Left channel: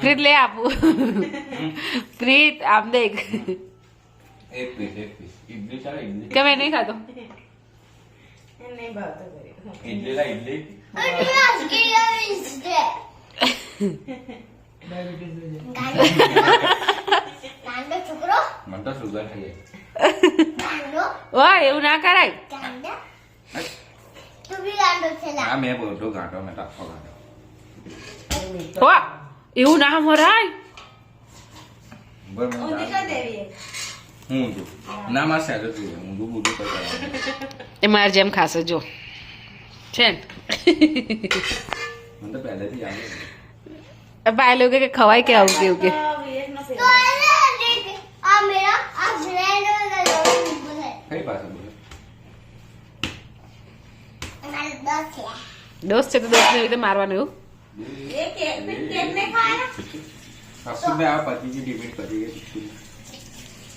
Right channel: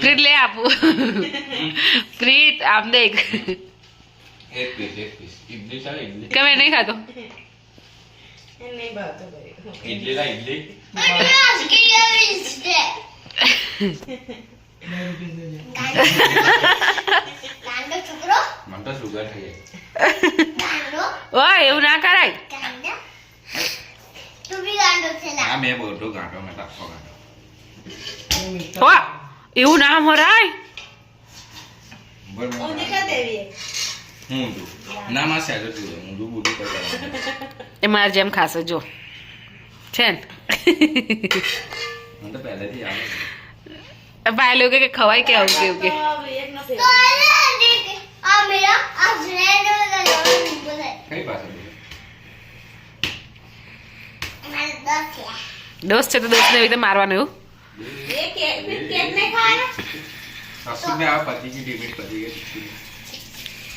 પ્રીત લે આપું પ્રીત આમ દેખ એક પીસ ઇડલી ચાલે ઇડલી કે મેં નહીં ખાતો ઇડલી લા ઇડલી મને તો સુગર થઈ ઓય એવું ના કરાય આ મેં બોલતો ગાંઠો મેં ટપકો ગાંઠો વાહ એવું ના મરાય બોલ હું તું ના માં સેલો તું હું તું બુડું કરતા એ મારે જેમ ખાશે જો છે ને મને તો પહેલેથી આવે ભાઈ લોકો કે ખવાય કે આવું કેવું કે કઈ પાસે દોસ્ત છે તો દોસ્ત ને રીતે મારવાનું એવું સાસુ મેં આ પતિ की डिमिट कर